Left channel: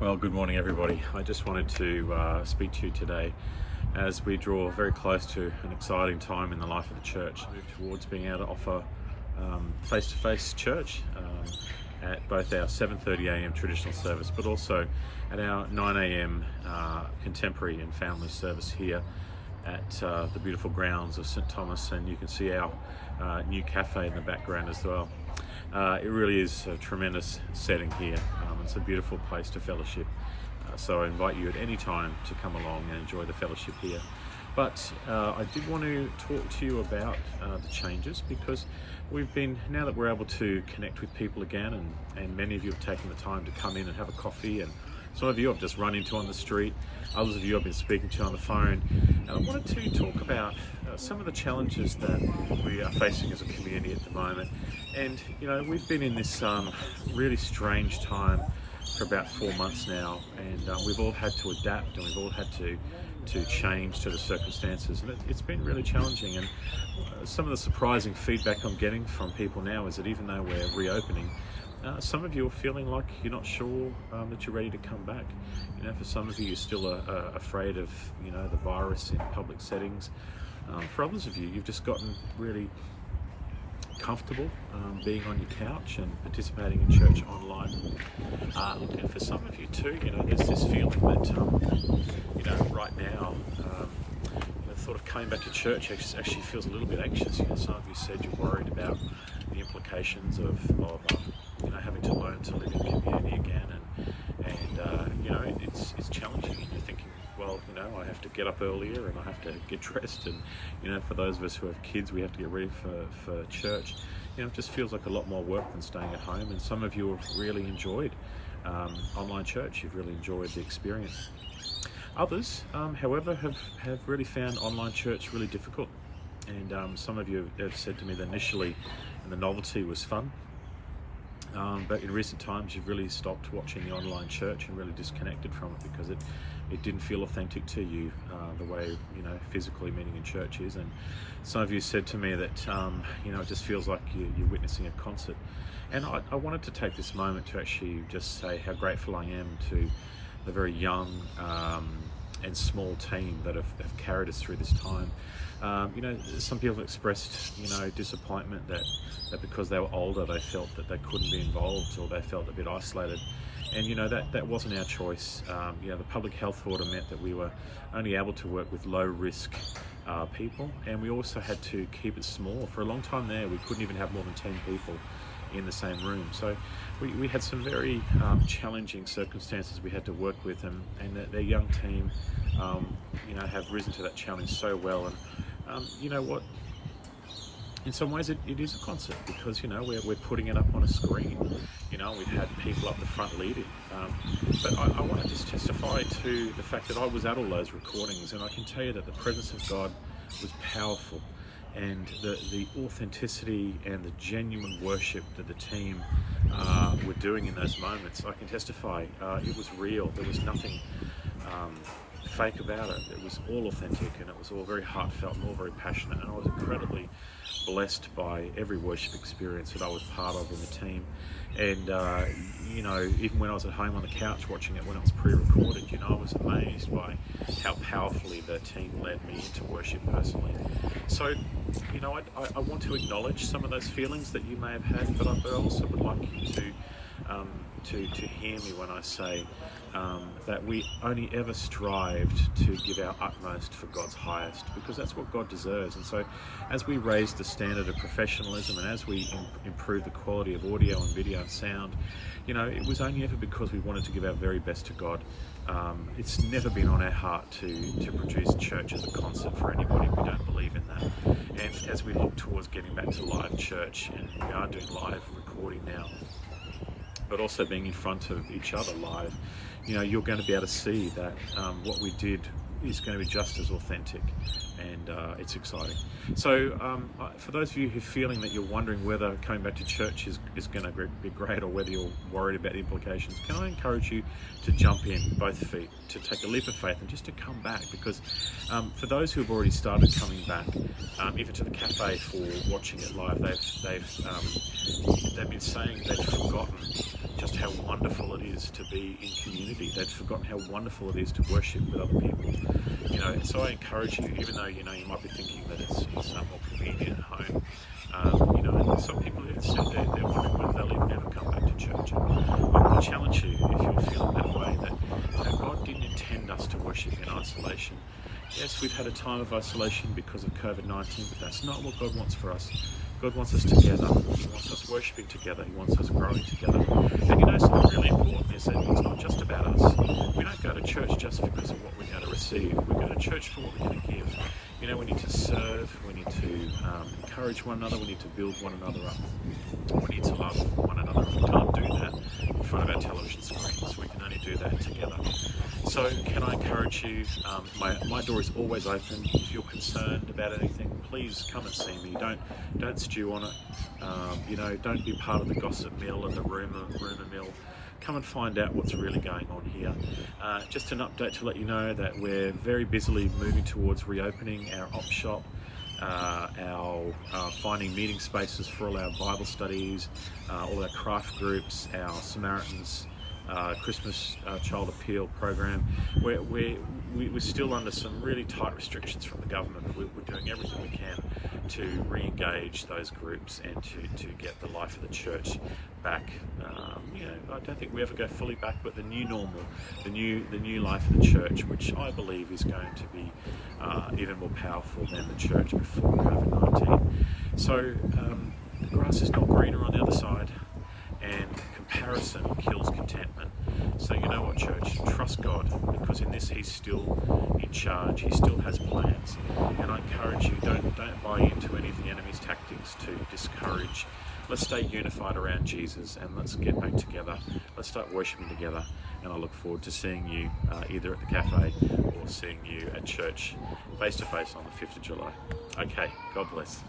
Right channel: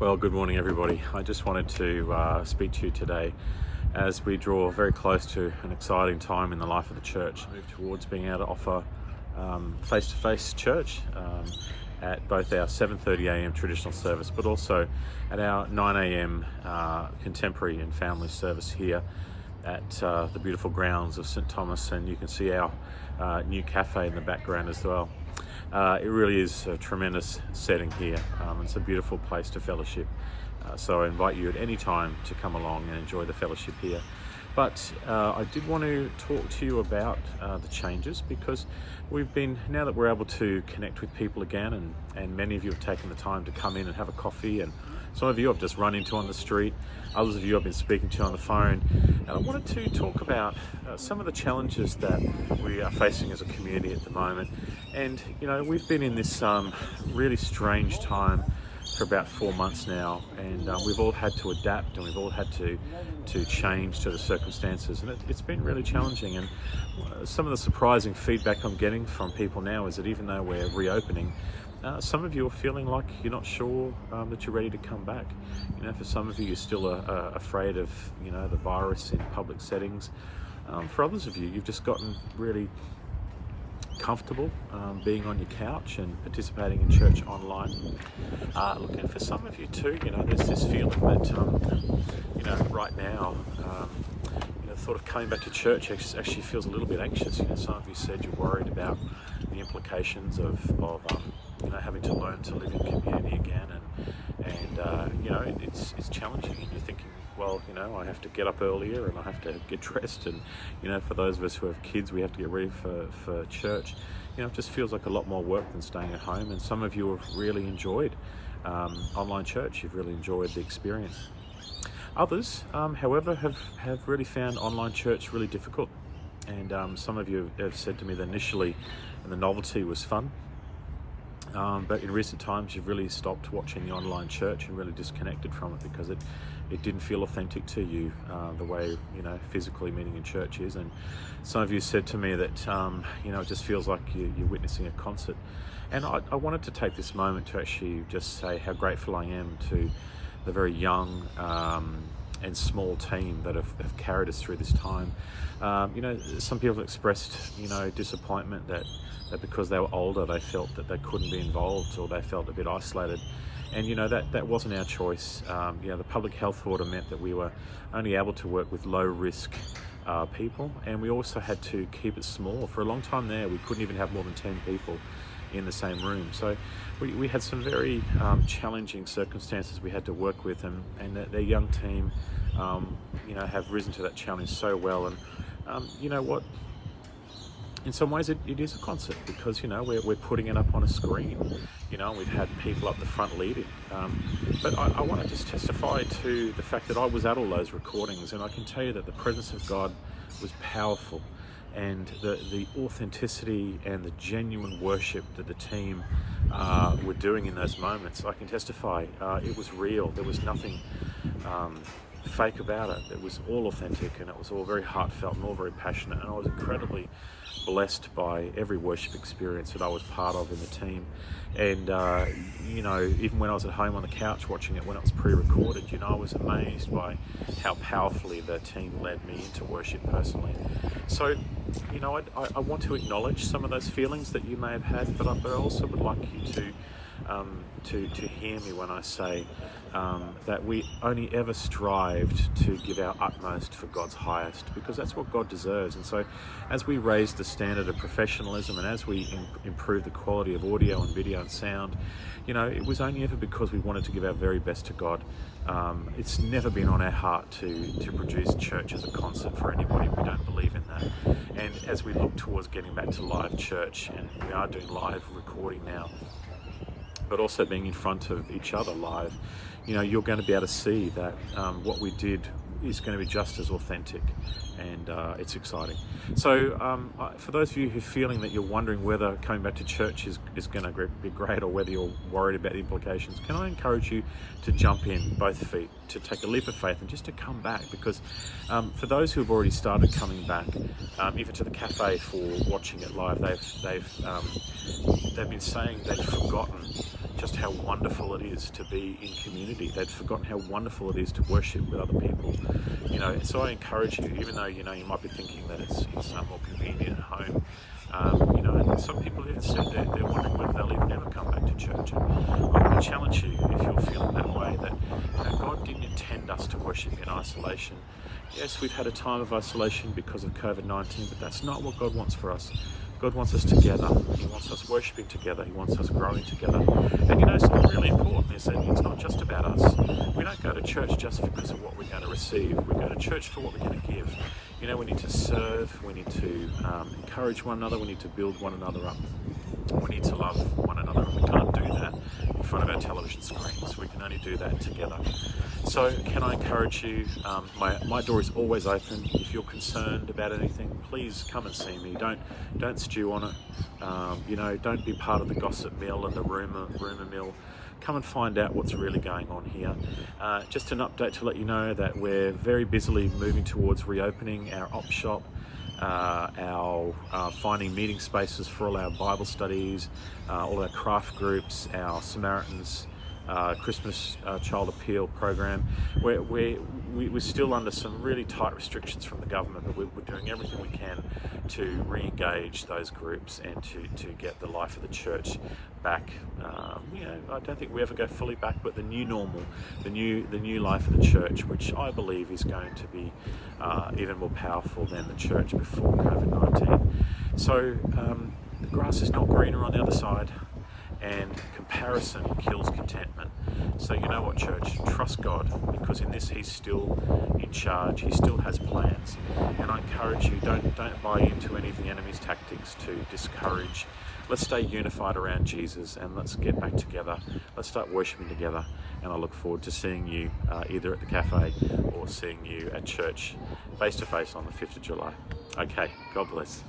Well, good morning, everybody. I just wanted to speak to you today as we draw very close to an exciting time in the life of the church, move towards being able to offer face-to-face church at both our 7:30 a.m. traditional service, but also at our 9 a.m. contemporary and family service here at the beautiful grounds of St Thomas, and you can see our new cafe in the background as well. It really is a tremendous setting here. It's a beautiful place to fellowship. So I invite you at any time to come along and enjoy the fellowship here. But I did want to talk to you about the changes, because now that we're able to connect with people again, and many of you have taken the time to come in and have a coffee, and some of you I've just run into on the street, others of you I've been speaking to on the phone. And I wanted to talk about some of the challenges that we are facing as a community at the moment. And we've been in this really strange time for about 4 months now, and we've all had to adapt, and we've all had to change to the circumstances, and it's been really challenging. And some of the surprising feedback I'm getting from people now is that even though we're reopening, some of you are feeling like you're not sure that you're ready to come back. For some of you, you're still afraid of the virus in public settings. For others of you, you've just gotten really comfortable being on your couch and participating in church online. And for some of you too, there's this feeling that right now, sort of coming back to church actually feels a little bit anxious. Some of you said you're worried about the implications of having to learn to live in community again, and it's challenging. And you're thinking, well, I have to get up earlier, and I have to get dressed, and for those of us who have kids, we have to get ready for church. It just feels like a lot more work than staying at home. And some of you have really enjoyed online church. You've really enjoyed the experience. Others, however, have really found online church really difficult. And some of you have said to me that initially the novelty was fun, but in recent times you've really stopped watching the online church and really disconnected from it because it didn't feel authentic to you the way physically meeting in church is. And some of you said to me that it just feels like you're witnessing a concert. And I wanted to take this moment to actually just say how grateful I am to the very young and small team that have carried us through this time. Some people have expressed disappointment that because they were older they felt that they couldn't be involved, or they felt a bit isolated. And that wasn't our choice. The public health order meant that we were only able to work with low risk people, and we also had to keep it small. For a long time there, we couldn't even have more than 10 people in the same room. So we had some very challenging circumstances we had to work with, and their young team have risen to that challenge so well. And you know what? In some ways it is a concert, because we're putting it up on a screen. We've had people up the front leading, but I want to just testify to the fact that I was at all those recordings, and I can tell you that the presence of God was powerful, and the authenticity and the genuine worship that the team were doing in those moments, I can testify it was real. There was nothing fake about it. It was all authentic, and it was all very heartfelt and all very passionate, and I was incredibly blessed by every worship experience that I was part of in the team. And even when I was at home on the couch watching it when it was pre-recorded, I was amazed by how powerfully the team led me into worship personally. So I want to acknowledge some of those feelings that you may have had, but I also would like you to hear me when I say that we only ever strived to give our utmost for God's highest, because that's what God deserves. And so as we raise the standard of professionalism, and as we improve the quality of audio and video and sound, it was only ever because we wanted to give our very best to God. It's never been on our heart to produce church as a concert for anybody. We don't believe in that. And as we look towards getting back to live church, and we are doing live recording now, but also being in front of each other live, you're going to be able to see that what we did is going to be just as authentic, and it's exciting. So for those of you who are feeling that you're wondering whether coming back to church is going to be great, or whether you're worried about the implications, can I encourage you to jump in both feet, to take a leap of faith and just to come back? Because for those who have already started coming back, even to the cafe for watching it live, they've been saying they've forgotten just how wonderful it is to be in community. They'd forgotten how wonderful it is to worship with other people. So I encourage you, even though, you might be thinking that it's more convenient at home, and some people have said they're wondering whether they'll even ever come back to church. And I want to challenge you, if you're feeling that way, that God didn't intend us to worship in isolation. Yes, we've had a time of isolation because of COVID-19, but that's not what God wants for us. God wants us together. He wants us worshipping together. He wants us growing together. And something really important is that it's not just about us. We don't go to church just because of what we're going to receive. We go to church for what we're going to give. We need to serve. We need to encourage one another. We need to build one another up. We need to love one another. And we can't do that in front of our television screens. We can only do that together. So can I encourage you, my door is always open. If you're concerned about anything, please come and see me. Don't stew on it. Don't be part of the gossip mill and the rumor mill. Come and find out what's really going on here. Just an update to let you know that we're very busily moving towards reopening our op shop, our finding meeting spaces for all our Bible studies, all our craft groups, our Samaritans Christmas Child Appeal program. We're still under some really tight restrictions from the government, but we're doing everything we can to re-engage those groups and to get the life of the church back. I don't think we ever go fully back, but the new normal, the new life of the church, which I believe is going to be even more powerful than the church before COVID-19. So the grass is not greener on the other side, and comparison kills contentment. So you know what, church? Trust God, because in this He's still in charge. He still has plans. And I encourage you, don't buy into any of the enemy's tactics to discourage. Let's stay unified around Jesus, and let's get back together. Let's start worshiping together. And I look forward to seeing you either at the cafe or seeing you at church face to face on the 5th of July. Okay, God bless.